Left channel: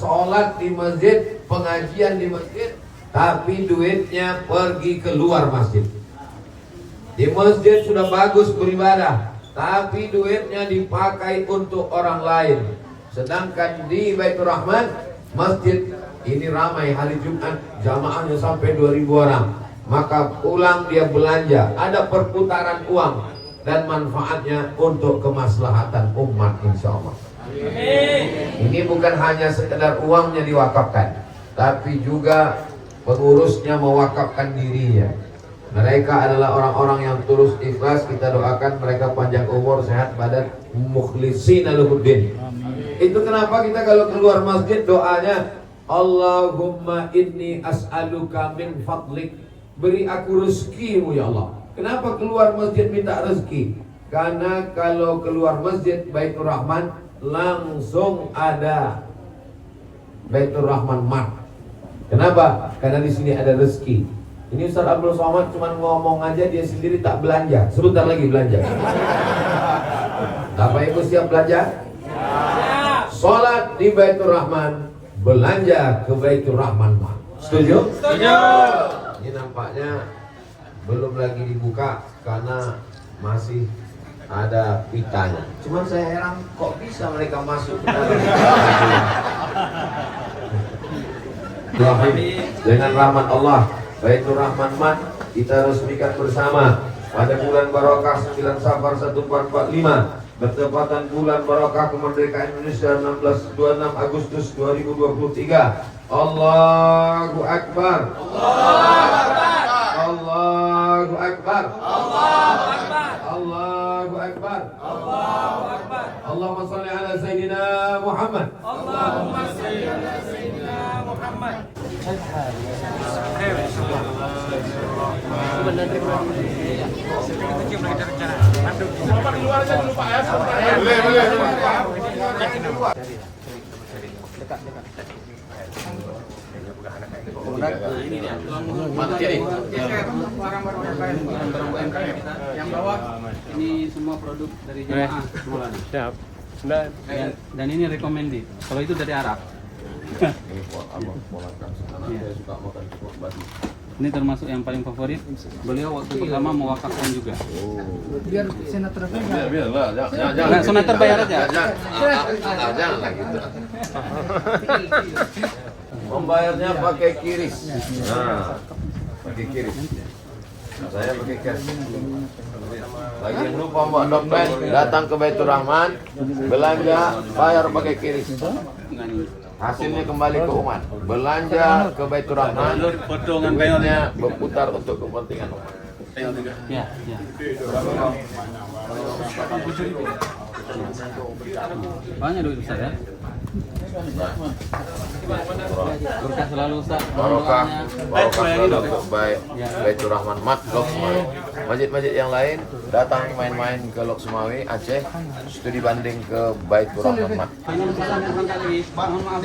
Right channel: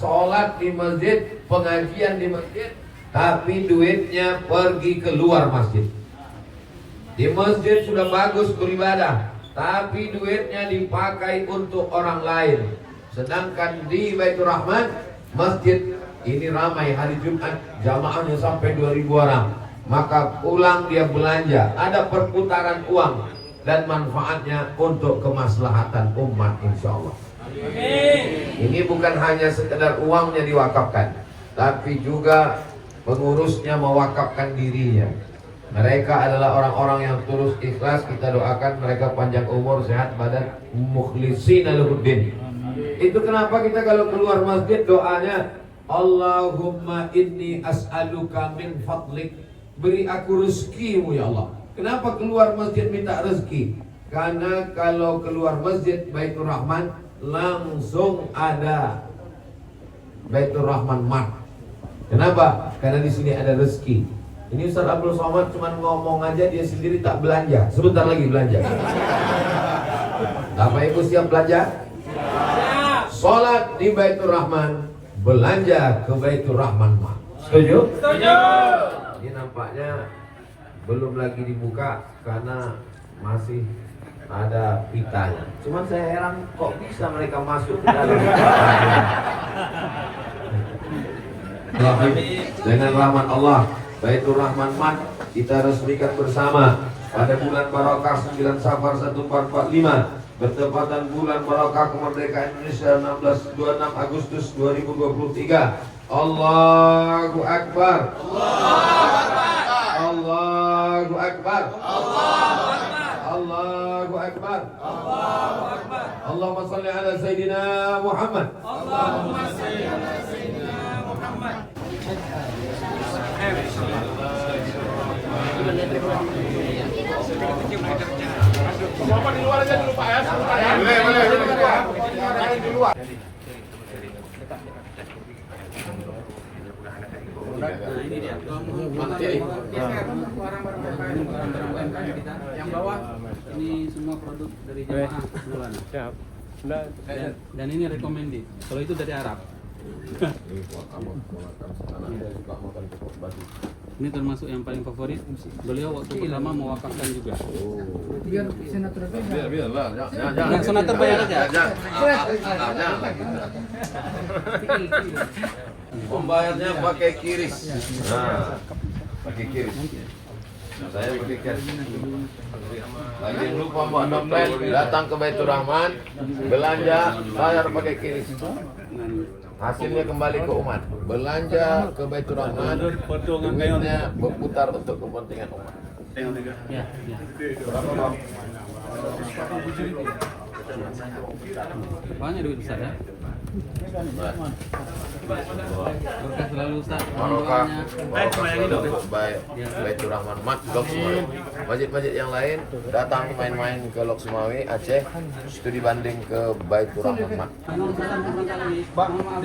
Sholat di masjid, pengajian di masjid, tapi duitnya pergi keluar masjid. Di masjid sudah bagus beribadah, tapi duitnya dipakai untuk orang lain. Sedangkan di Baitur Rahman, masjid ini ramai hari Jumat, jamaahnya sampai 2.000 orang. Maka pulang dia belanja, ada perputaran uang dan manfaatnya untuk kemaslahatan umat, insya Allah. Ini bukan hanya sekedar uangnya diwakafkan, tapi juga pengurusnya mewakafkan dirinya. Mereka adalah orang-orang yang tulus ikhlas. Kita doakan mereka panjang umur, sehat badan, mukhlishina lahuddin. Itu kenapa kita kalau keluar masjid doanya Allahumma inni as'aluka min fadlik, beri aku rezekimu ya Allah. Kenapa keluar masjid minta rezeki? Karena kalau keluar masjid Baitur Rahman langsung ada Baitur Rahman Mat. Kenapa? Karena di sini ada rezeki. Ini Ustaz Abdul Somad cuma ngomong aja, dia sendiri tak belanja. Sebentar lagi belanja. Bapak Ibu siap belanja? Sholat di Baitur Rahman, belanja ke Baitur Rahman Mat. Setuju? Setuju. Ini nampaknya belum lagi dibuka karena masih ada pitanya. Cuman saya heran kok bisa mereka masuk ke dalam. Dengan rahmat Allah, Baitur Rahman Mat kita resmikan bersama pada bulan Barokah 9 Safar 1445 bertepatan bulan Barokah kemerdekaan Indonesia 26 Agustus 2023. Allahu Akbar. Allahu Akbar. Allahu Akbar. Allahu Akbar. Allahu Akbar. Allahu Akbar. Allahumma shalli ala Sayyidina Muhammad. Allahumma shalli ala Sayyidina Muhammad. Bapak di luar aja dulu Pak ya. Ini dia. Barang-barang yang bawah ini semua produk dari jemaah semua. Siap. Dan ini recommended. Kalau itu dari Arab. Ini buat abang ponakan saya suka makan kepok babi. Ini termasuk yang paling favorit. Beliau waktu pertama mewakafkan juga. Biar senator bayar. Biarlah, Jangan senator bayar aja. jangan lagi. Membayarnya pakai kiris. Nah, pakai kiris. Saya pakai kiris. Lagi lupa Mbak Dompet, datang ke Baitur Rahman, belanja, bayar pakai kiris. Hasilnya kembali ke umat. Belanja ke Baitur Rahman, duitnya berputar untuk kepentingan umat. Ya, ya. Banyak duit Ustaz ya. Berkah selalu Ustaz. Barokah selalu untuk Baitur Rahman Mat Lok Sumawi. Masjid-masjid yang lain datang main-main ke Lok Sumawi Aceh, studi banding ke Baitur Rahman Mat. Mohon maaf.